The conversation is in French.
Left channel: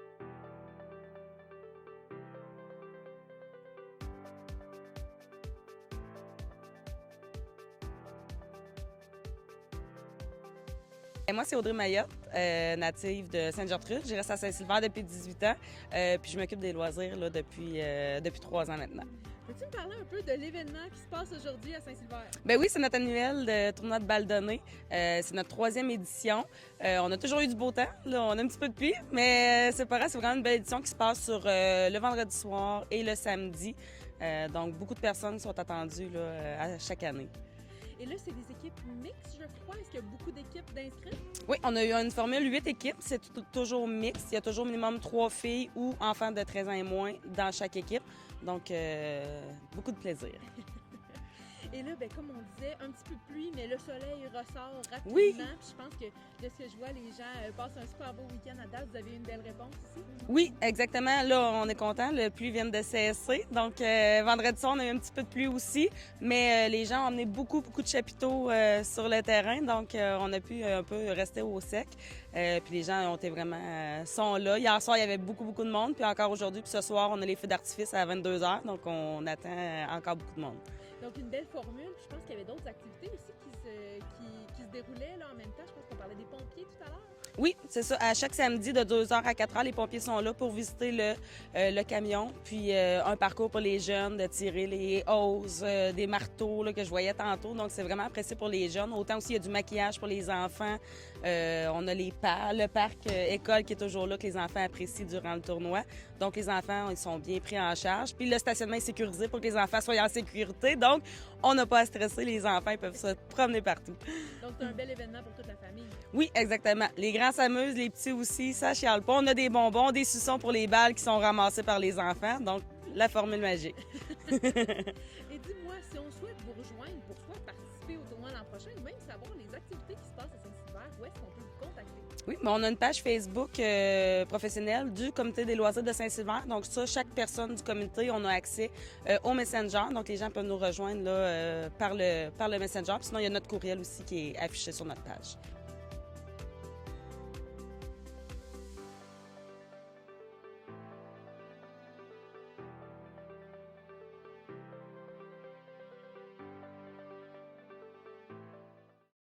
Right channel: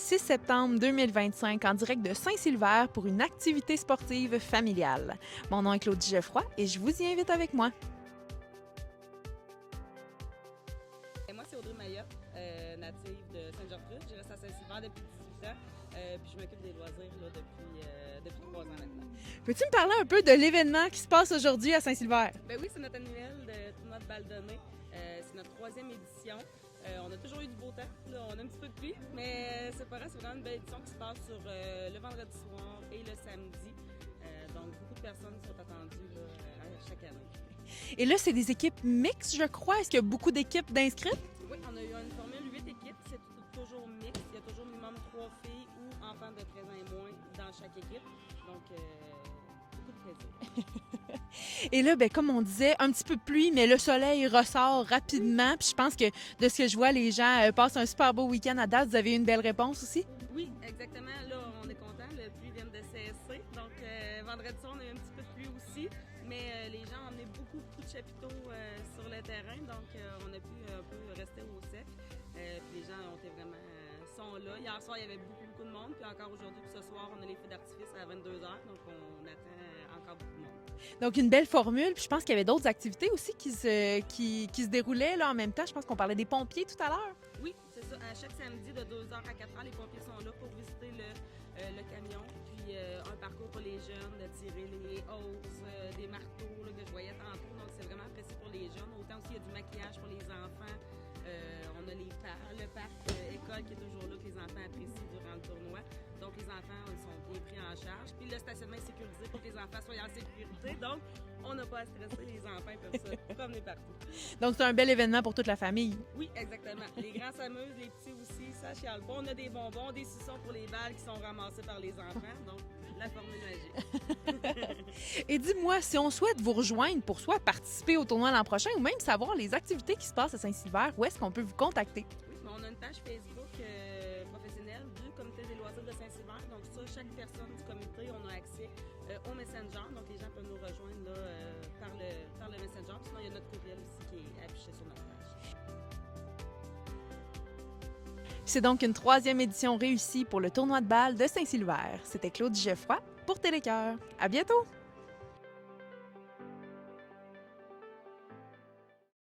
6 septembre 2025 en direct de Saint-Silver pour une activité sportive familiale. Mon nom est Claudie Geoffroy et je vous y invite avec moi. Et moi, c'est Audrey Mayotte, native de Sainte-Gertrude. Je reste à Saint-Silver depuis 18 ans, puis je m'occupe des loisirs là, depuis 3 ans maintenant. Peux-tu me parler un peu de l'événement qui se passe aujourd'hui à Saint-Silver? Ben oui, c'est notre annuel de tournoi de balle donnée. C'est notre 3e édition. On a toujours eu du beau temps. Là, on a un petit peu de pluie, mais c'est pas grave, c'est vraiment une belle édition qui se passe sur le vendredi soir et le samedi. Donc, beaucoup de personnes sont attendues là, à chaque année. Et là, c'est des équipes mixtes, je crois. Est-ce qu'il y a beaucoup d'équipes d'inscrites? Oui, on a eu une formule 8 équipes. C'est toujours mixte. Il y a toujours minimum 3 filles ou enfants de 13 ans et moins dans chaque équipe. Donc, beaucoup de plaisir. Et là, comme on disait, un petit peu de pluie, mais le soleil ressort rapidement. Puis je pense que de ce que je vois, les gens passent un super beau week-end à date. Vous avez eu une belle réponse aussi? Oui, exactement. Là, on est content. La pluie vient de cesser. Donc, vendredi soir, on a eu un petit peu de pluie aussi. Mais les gens ont emmené beaucoup de chapiteaux sur le terrain. Donc, on a pu un peu rester au sec. Puis les gens ont été vraiment sont là. Hier soir, il y avait beaucoup de monde. Puis encore aujourd'hui, puis ce soir, on a les feux d'artifice à 22h. Donc, on attend encore beaucoup de monde. Donc, une belle formule. Puis je pense qu'il y avait d'autres activités aussi qui se déroulaient là, en même temps. Je pense qu'on parlait des pompiers tout à l'heure. Oui, c'est ça. À chaque samedi, de 2h à 4h, les pompiers sont là pour visiter le camion. Puis un parcours pour les jeunes, de tirer les hausses, des marteaux là, que je voyais tantôt. Donc, c'est vraiment apprécié pour les jeunes. Autant aussi, il y a du maquillage pour les enfants. On a le parc école qui est toujours là, que les enfants apprécient durant le tournoi. Donc, les enfants, ils sont bien pris en charge. Puis le stationnement est sécurisé pour que les enfants soient en sécurité. Donc, on n'a pas à stresser. Les enfants, ils peuvent se promener partout. Donc, c'est un bel événement pour toute la famille. Oui, exactement. Les grands s'amusent, les petits aussi, ça chiale pas. On a des bonbons, des suçons pour les balles qui sont ramassées par les enfants. Donc, la formule magique. Et dis-moi, si on souhaite vous rejoindre pour soit participer au tournoi l'an prochain ou même savoir les activités qui se passent à Saint-Silver, où est-ce qu'on peut vous contacter? Oui, mais on a une page Facebook professionnelle du Comité des loisirs de Saint-Silver. Donc ça, chaque personne du comité, on a accès au Messenger. Donc les gens peuvent nous rejoindre là, par le Messenger. Puis sinon, il y a notre courriel aussi qui est affiché sur notre page. C'est donc une 3e édition réussie pour le tournoi de balle de Saint-Silver. C'était Claudie Geoffroy pour Télécœur. À bientôt!